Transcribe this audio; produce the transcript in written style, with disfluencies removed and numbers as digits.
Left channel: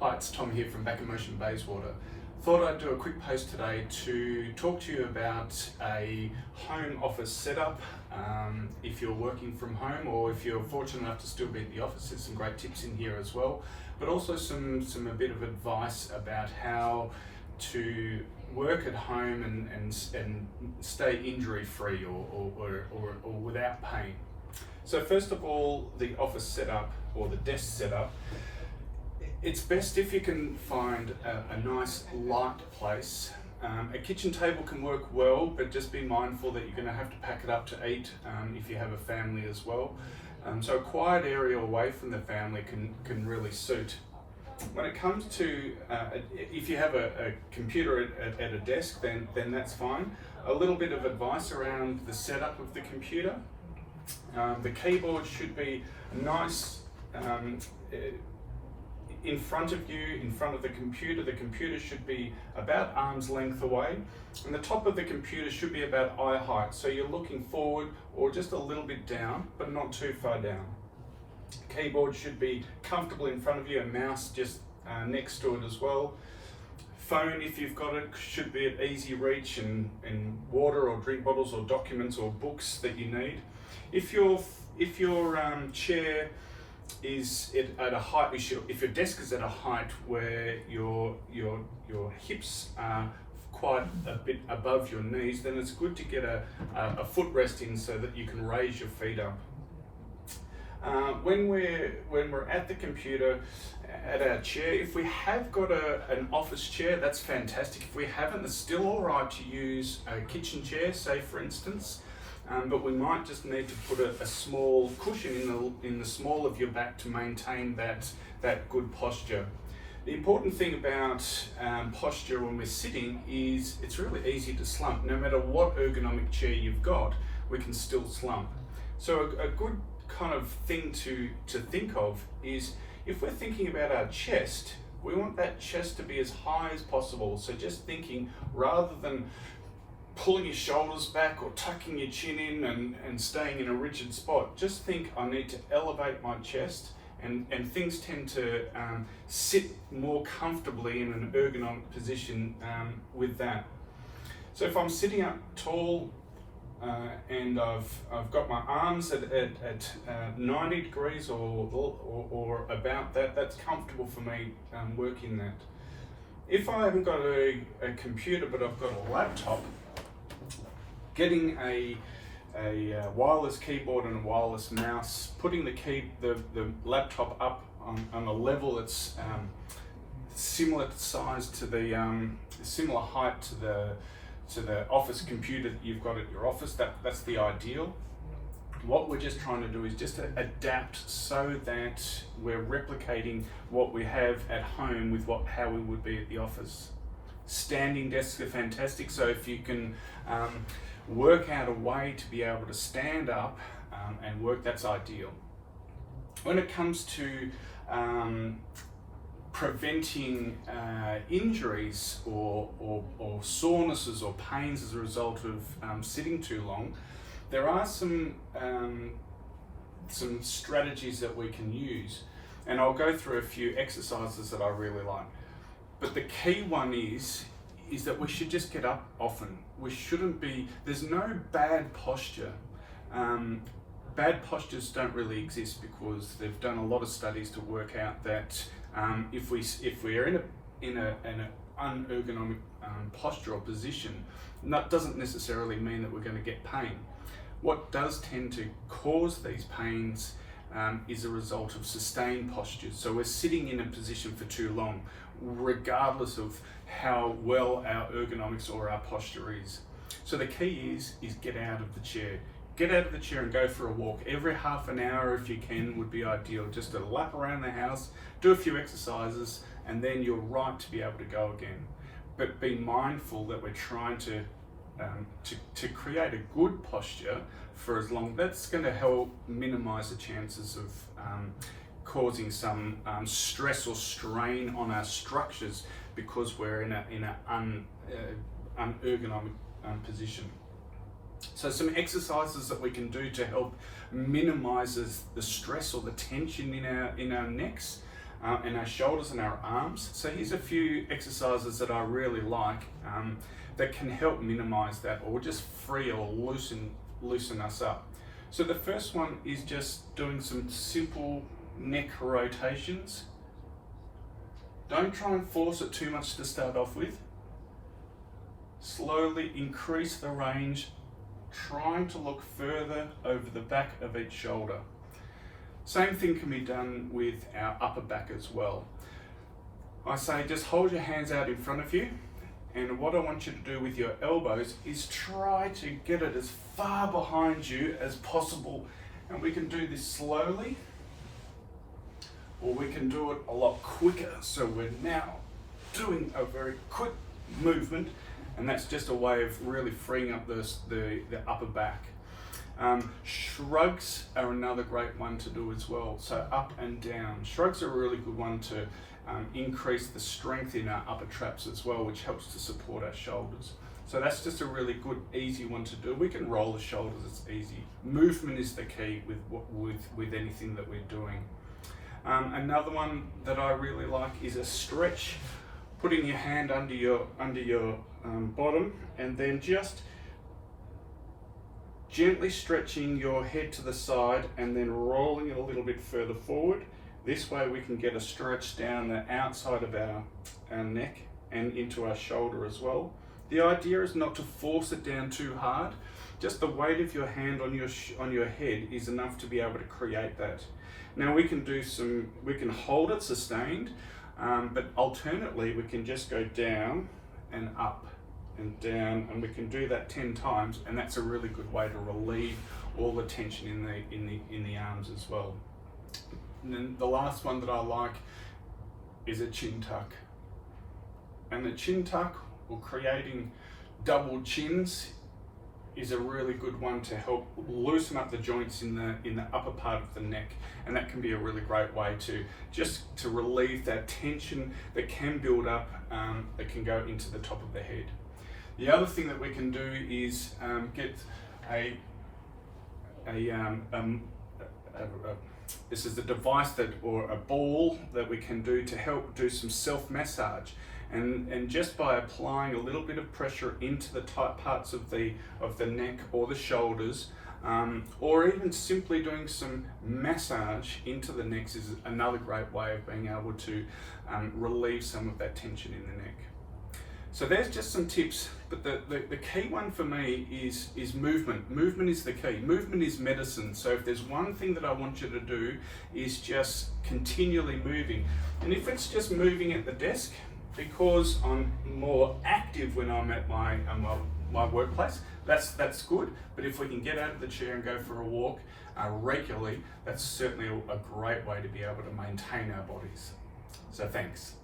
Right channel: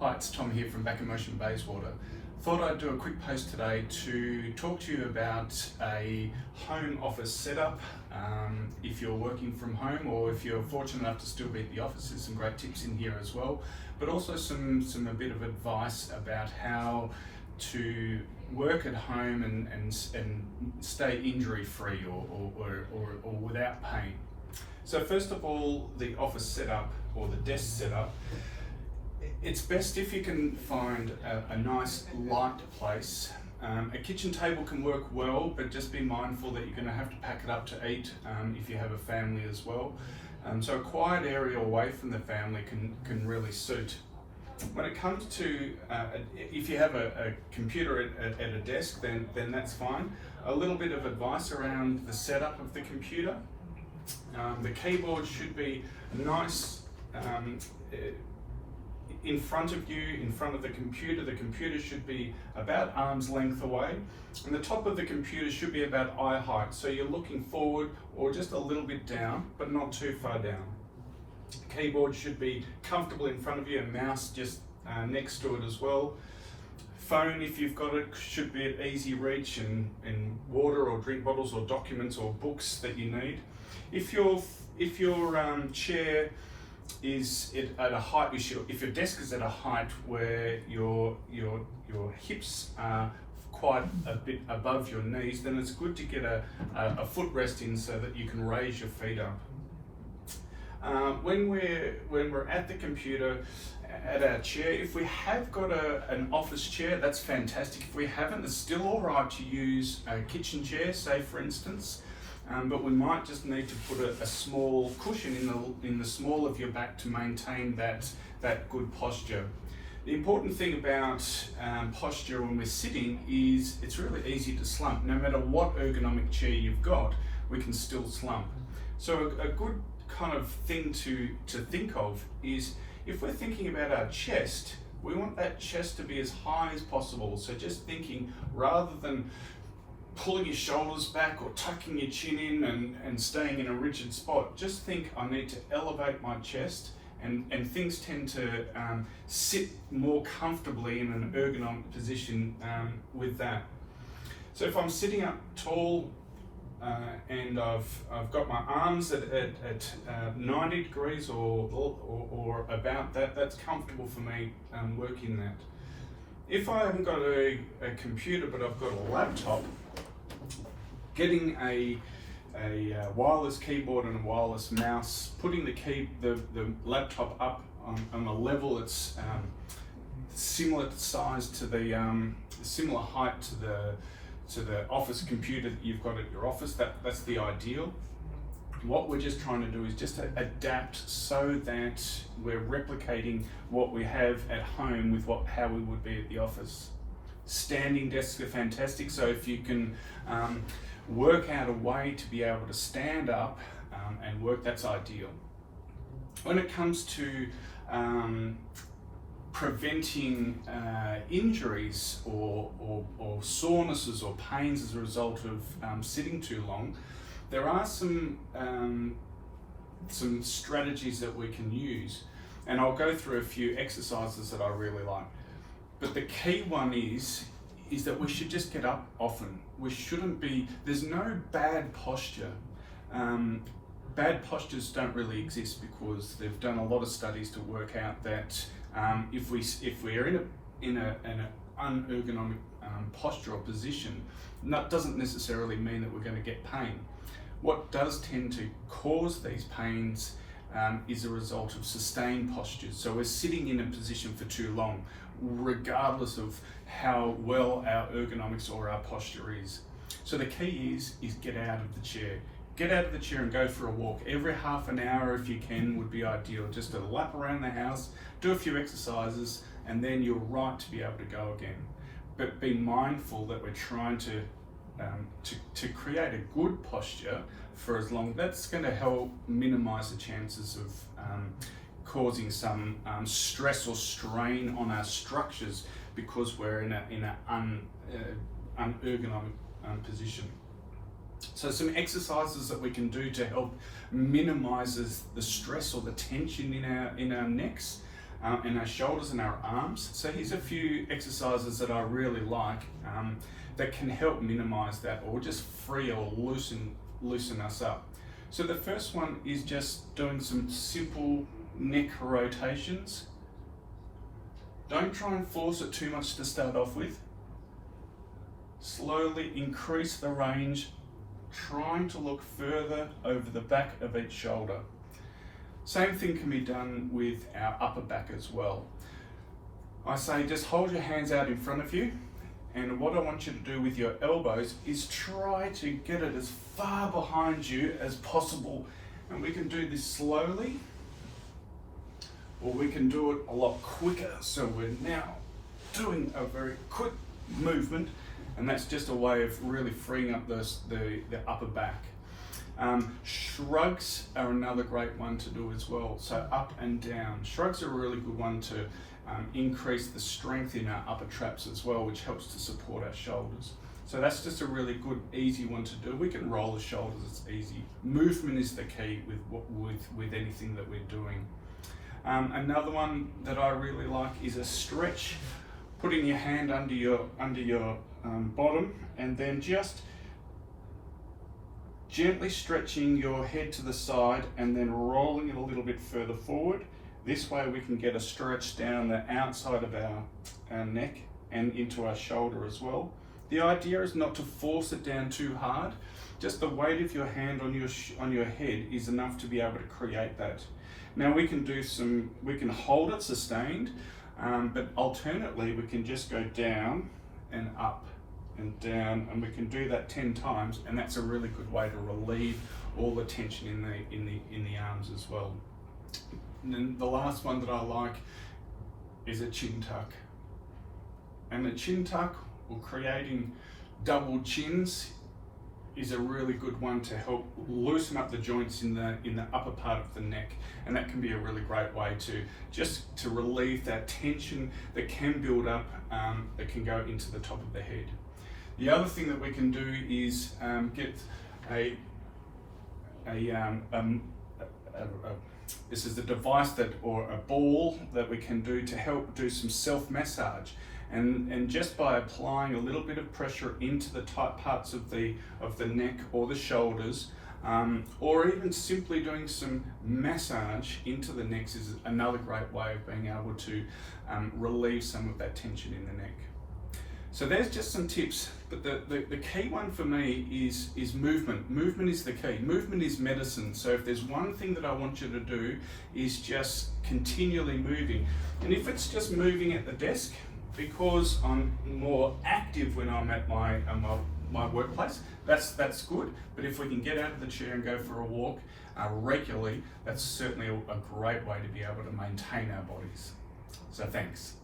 Hi, it's Tom here from Back in Motion Bayswater. Thought I'd do a quick post today to talk to you about a home office setup. If you're working from home or if you're fortunate enough to still be at the office, there's some great tips in here as well, but also a bit of advice about how to work at home and stay injury free or without pain. So first of all, the office setup or the desk setup. It's best if you can find a nice light place. A kitchen table can work well, but just be mindful that you're going to have to pack it up to eat if you have a family as well. So a quiet area away from the family can really suit. When it comes to, if you have a computer at a desk, then that's fine. A little bit of advice around the setup of the computer. The keyboard should be nice in front of you, in front of the computer. The computer should be about arm's length away, and the top of the computer should be about eye height, so you're looking forward or just a little bit down, but not too far down. Keyboard should be comfortable in front of you, a mouse just next to it as well. Phone, if you've got it, should be at easy reach, and water or drink bottles or documents or books that you need. If your chair is at a height, if your desk is at a height where your hips are quite a bit above your knees, then it's good to get a footrest in so that you can raise your feet up. When we're at the computer, at our chair, if we have got an office chair, that's fantastic. If we haven't, it's still all right to use a kitchen chair, say for instance. But we might just need to put a small cushion in the small of your back to maintain that good posture. The important thing about posture when we're sitting is it's really easy to slump. No matter what ergonomic chair you've got, we can still slump. So a good kind of thing to think of is if we're thinking about our chest, we want that chest to be as high as possible. So just thinking, rather than pulling your shoulders back or tucking your chin in and staying in a rigid spot, just think, I need to elevate my chest, and things tend to sit more comfortably in an ergonomic position with that. So if I'm sitting up tall and I've got my arms at 90 degrees or about that, that's comfortable for me working that. If I haven't got a computer but I've got a laptop, getting a wireless keyboard and a wireless mouse, putting the laptop up on a level that's similar size to similar height to the office computer that you've got at your office, that's the ideal. What we're just trying to do is just adapt so that we're replicating what we have at home with how we would be at the office. Standing desks are fantastic, so if you can work out a way to be able to stand up and work, that's ideal. When it comes to preventing injuries or sorenesses or pains as a result of sitting too long, there are some strategies that we can use, and I'll go through a few exercises that I really like. But the key one is that we should just get up often. We shouldn't be, there's no bad posture. Bad postures don't really exist because they've done a lot of studies to work out that if we are in an unergonomic posture or position, that doesn't necessarily mean that we're going to get pain. What does tend to cause these pains is a result of sustained postures. So we're sitting in a position for too long, regardless of how well our ergonomics or our posture is. So the key is get out of the chair. Get out of the chair and go for a walk. Every half an hour, if you can, would be ideal. Just a lap around the house, do a few exercises, and then you're right to be able to go again. But be mindful that we're trying to create a good posture for as long. That's going to help minimize the chances of causing some stress or strain on our structures because we're in an unergonomic position. So some exercises that we can do to help minimize the stress or the tension in our necks and our shoulders and our arms. So here's a few exercises that I really like that can help minimize that or just free or loosen us up. So the first one is just doing some simple neck rotations. Don't try and force it too much to start off with. Slowly increase the range, trying to look further over the back of each shoulder. Same thing can be done with our upper back as well. I say just hold your hands out in front of you, and what I want you to do with your elbows is try to get it as far behind you as possible. And we can do this slowly, or we can do it a lot quicker. So we're now doing a very quick movement, and that's just a way of really freeing up the upper back. Shrugs are another great one to do as well. So up and down. Shrugs are a really good one to increase the strength in our upper traps as well, which helps to support our shoulders. So that's just a really good, easy one to do. We can roll the shoulders, it's easy. Movement is the key with anything that we're doing. Another one that I really like is a stretch. Putting your hand under your bottom, and then just gently stretching your head to the side and then rolling it a little bit further forward. This way we can get a stretch down the outside of our neck and into our shoulder as well. The idea is not to force it down too hard. Just the weight of your hand on your head is enough to be able to create that. Now we can hold it sustained, but alternately we can just go down and up and down, and we can do that 10 times, and that's a really good way to relieve all the tension in the arms as well. And then the last one that I like is a chin tuck. And the chin tuck, or creating double chins, is a really good one to help loosen up the joints in the upper part of the neck, and that can be a really great way to relieve that tension that can build up, that can go into the top of the head. The other thing that we can do is get this is a device or a ball that we can do to help do some self-massage. And just by applying a little bit of pressure into the tight parts of the neck or the shoulders, or even simply doing some massage into the necks, is another great way of being able to relieve some of that tension in the neck. So there's just some tips, but the key one for me is movement. Movement is the key. Movement is medicine. So if there's one thing that I want you to do, is just continually moving. And if it's just moving at the desk, because I'm more active when I'm at my workplace, that's good. But if we can get out of the chair and go for a walk regularly, that's certainly a great way to be able to maintain our bodies. So thanks.